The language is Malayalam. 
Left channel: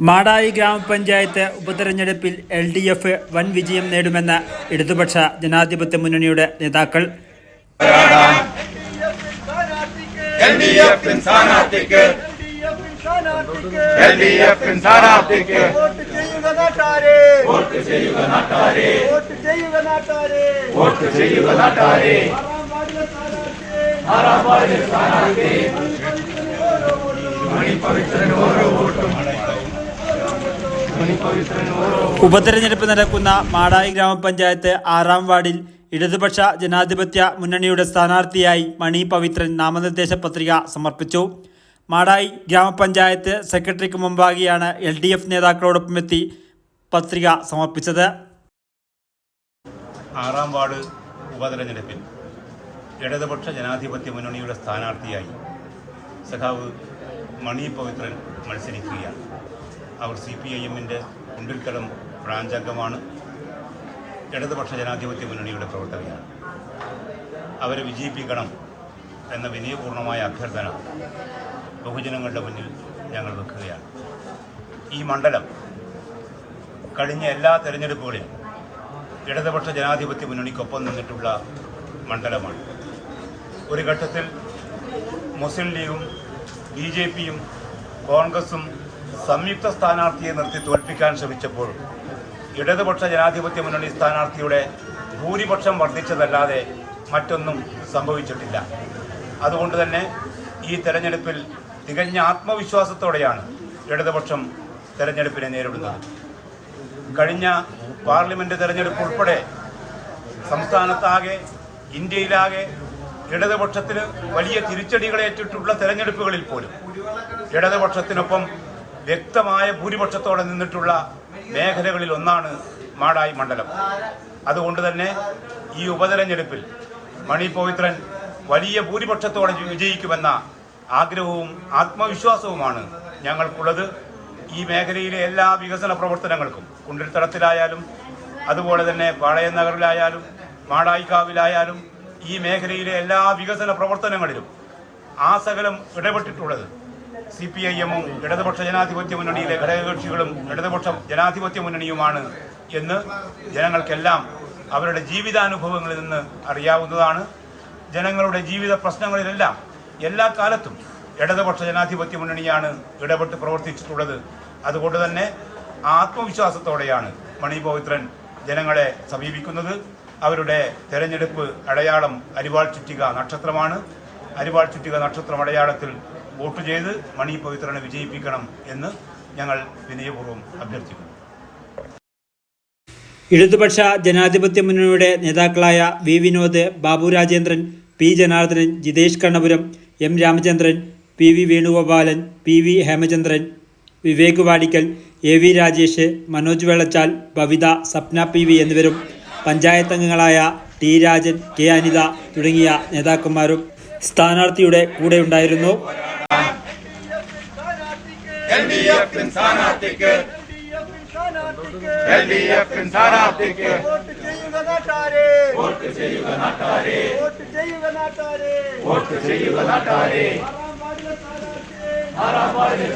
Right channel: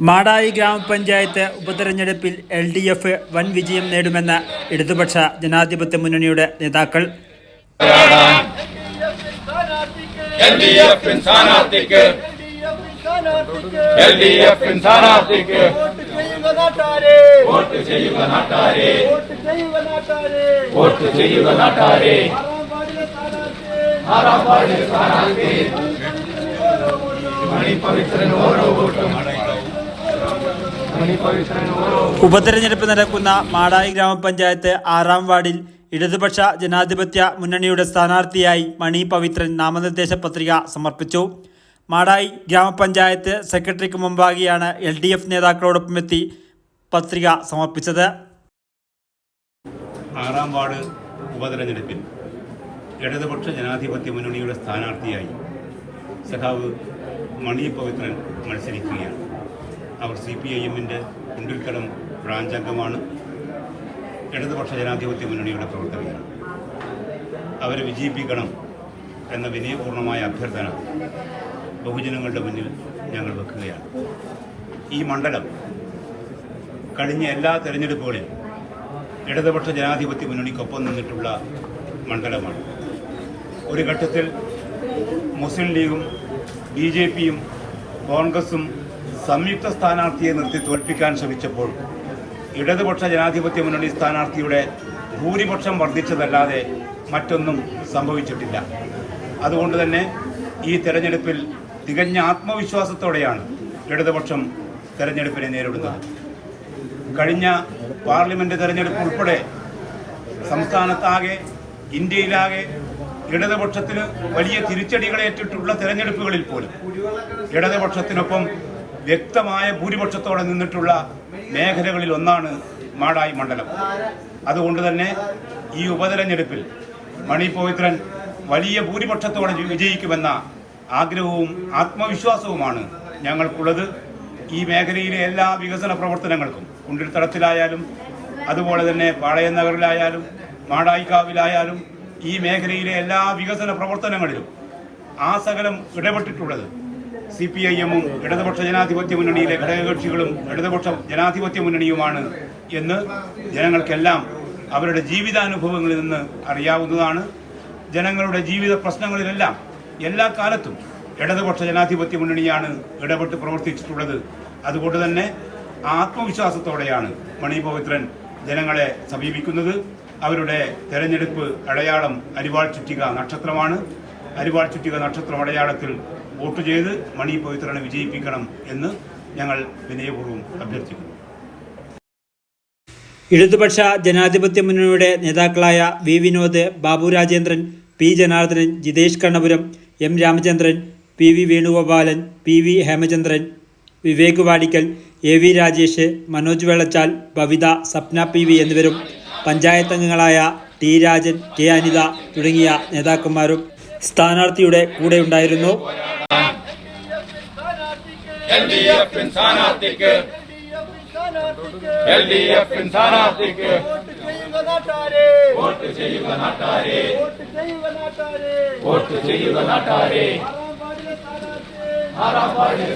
മാടായി ഗ്രാമപഞ്ചായത്ത് ഉപതെരഞ്ഞെടുപ്പിൽ എൽ ഡി എഫ് വൻ വിജയം നേടുമെന്ന് ഇടതുപക്ഷ ജനാധിപത്യ മുന്നണിയുടെ നേതാക്കൾ. ഓരോ ഉപതെരഞ്ഞെടുപ്പ് നടക്കുന്ന മാടായി ഗ്രാമപഞ്ചായത്ത് ആറാം വാർഡിൽ ഇടതുപക്ഷ ജനാധിപത്യ മുന്നണിയുടെ സ്ഥാനാർത്ഥിയായി മണി പവിത്രൻ നാമനിർദ്ദേശ പത്രിക സമർപ്പിച്ചു. മാടായി ഗ്രാമപഞ്ചായത്ത് സെക്രട്ടറിക്ക് മുമ്പാകെയാണ് എൽ ഡി എഫ് നേതാക്കളോടൊപ്പമെത്തി പത്രിക സമർപ്പിച്ചത്. ആറാം വാർഡ് ഉപതെരഞ്ഞെടുപ്പിൽ ഇടതുപക്ഷ ജനാധിപത്യ മുന്നണിയുടെ സ്ഥാനാർത്ഥിയായി സഖാവ് മണി പവിത്രൻ മത്സരിക്കുകയാണ്. അവർ സി പി ഐ എമ്മിന്റെ കുണ്ടിൽക്കടം ബ്രാഞ്ച് അംഗമാണ് ഇടതുപക്ഷ ജനാധിപത്യ മുന്നണിയുടെ പ്രവർത്തകയാണ് അവരെ വിജയിപ്പിക്കണം എന്ന വിനയപൂർണമായ അഭ്യർത്ഥന ബഹുജനങ്ങളുടെ മുന്നിൽ ഞങ്ങൾ വെക്കുകയാണ്. ഈ മണ്ഡലം കഴിഞ്ഞ എല്ലാ തെരഞ്ഞെടുപ്പുകളിലും ഇടതുപക്ഷ ജനാധിപത്യ മുന്നണിക്കൊപ്പം നിന്നിട്ടുള്ള മണ്ഡലമാണ്. ഒരു ഘട്ടത്തിൽ മുസ്ലിം ലീഗും ബി ജെ പിയും കോൺഗ്രസും സംയുക്ത സ്ഥാനാർത്ഥിയെ നിർത്തി തോൽപ്പിക്കാൻ ശ്രമിച്ചപ്പോൾ ഇടതുപക്ഷ ജനാധിപത്യ മുന്നണി സ്ഥാനാർത്ഥിയുടെ ഭൂരിപക്ഷം വർദ്ധിച്ചതല്ലാതെ മറ്റൊന്നും സംഭവിച്ചിട്ടില്ല. അതുകൊണ്ട് തന്നെ ഈ തെരഞ്ഞെടുപ്പിൽ തികഞ്ഞ ആത്മവിശ്വാസത്തോടെയാണ് ഇടതുപക്ഷം തെരഞ്ഞെടുപ്പിനെ നേരിടുന്നത്. കഴിഞ്ഞ പാർലമെന്റ് തെരഞ്ഞെടുപ്പ് ഉൾപ്പെടെ സംസ്ഥാനത്താകെ ഇന്ത്യയിലാകെ ഇടതുപക്ഷത്തിന് വലിയ തിരിച്ചടികളേറ്റിട്ടുള്ള തെരഞ്ഞെടുപ്പുകളിൽ പോലും ഇടതുപക്ഷത്തിനൊപ്പം വ്യക്തമായ ഭൂരിപക്ഷത്തോടെ നിന്നിട്ടുള്ള മേഖലകളിൽ ഒന്നാണ് മാടായി മണ്ഡലം. അതുകൊണ്ട് തന്നെ ഈ ഉപതെരഞ്ഞെടുപ്പിൽ മണി പവിത്രൻ വലിയ ഭൂരിപക്ഷത്തോടെ വിജയിക്കുമെന്ന ആഗ്രഹവും ആത്മവിശ്വാസവുമാണ് ഞങ്ങൾക്കുള്ളത്. ഈ മേഖലയിലെ എല്ലാ വികസന പ്രവർത്തനങ്ങൾക്കും കുണ്ടിൽത്തടത്തിലായാലും അതുപോലെ തന്നെ പാളയം നഗറിലായാലും മാടായിക്കാവിലായാലും ഈ മേഖലയിലെ എല്ലാ വികസന പ്രവർത്തനങ്ങളിലും ആ സകലം ഇടപെട്ടിട്ടുള്ളത് സി പി ഐ എമ്മും ഇടതുപക്ഷ ജനാധിപത്യ മുന്നണിയിലെ ഘടകകക്ഷികളും ഇടതുപക്ഷ ജനാധിപത്യ മുന്നണിയുമാണ് എന്ന് ജനങ്ങൾക്കെല്ലാം അവരുടെ ജീവിതാനുഭവങ്ങളിൽ നിന്ന് അറിയാവുന്നതാണ്. ജനങ്ങളുടെ ജീവിത പ്രശ്നങ്ങളിലെല്ലാം എല്ലാ കാലത്തും ഇടതുപക്ഷ ജനാധിപത്യ മുന്നണിയാണ് ഇടപെട്ട് പ്രവർത്തിച്ചിട്ടുള്ളത്. അതുകൊണ്ട് തന്നെ ആത്മവിശ്വാസത്തോടെയാണ് മണി പവിത്രൻ ജനങ്ങളെ സമീപിക്കുന്നത്. അവരുടെ തെരഞ്ഞെടുപ്പ് അടയാളം അരിവാൾ ചുറ്റിക നക്ഷത്രമാണ്. അരിവാൾ ചുറ്റിക നക്ഷത്രം അടയാളത്തിൽ വോട്ട് ചെയ്ത് മണി പവിത്രനെ വിജയിപ്പിക്കണം എന്ന് ഞങ്ങൾ വിനയപൂർവം അഭ്യർത്ഥിക്കുന്നു. ഇടതുപക്ഷ ജനാധിപത്യ മുന്നണിയുടെ നേതാക്കളായ V Vinod Babu Rajendran P Janardhanan Jithesh Kannapuram M Ramachandran P V Venugopalan P V Hemachandran Vivek Vadikkal A V Rajesh Manoj Vellachal Bhavitha Sapna P V എന്നിവരും പഞ്ചായത്ത് അംഗങ്ങളായ ടി രാജൻ കെ അനിത തുടങ്ങിയ നേതാക്കന്മാരും സ്ഥാനാർത്ഥിയുടെ കൂടെയുണ്ടായിരുന്നു എൽ ഡി എഫ് സ്ഥാനാർത്ഥിക്ക് എൽ ഡി എഫ് സ്ഥാനാർത്ഥിക്ക് എൽ ഡി എഫ് സ്ഥാനാർത്ഥിക്ക് വോട്ട് ചെയ്യുക നാട്ടാരെ വോട്ട് ചെയ്യുക നാട്ടാരെ വോട്ട് ചെയ്യുക നാട്ടാരെ വോട്ട് ചെയ്യുക നാട്ടാരെ ആറാം വാർഡിലെ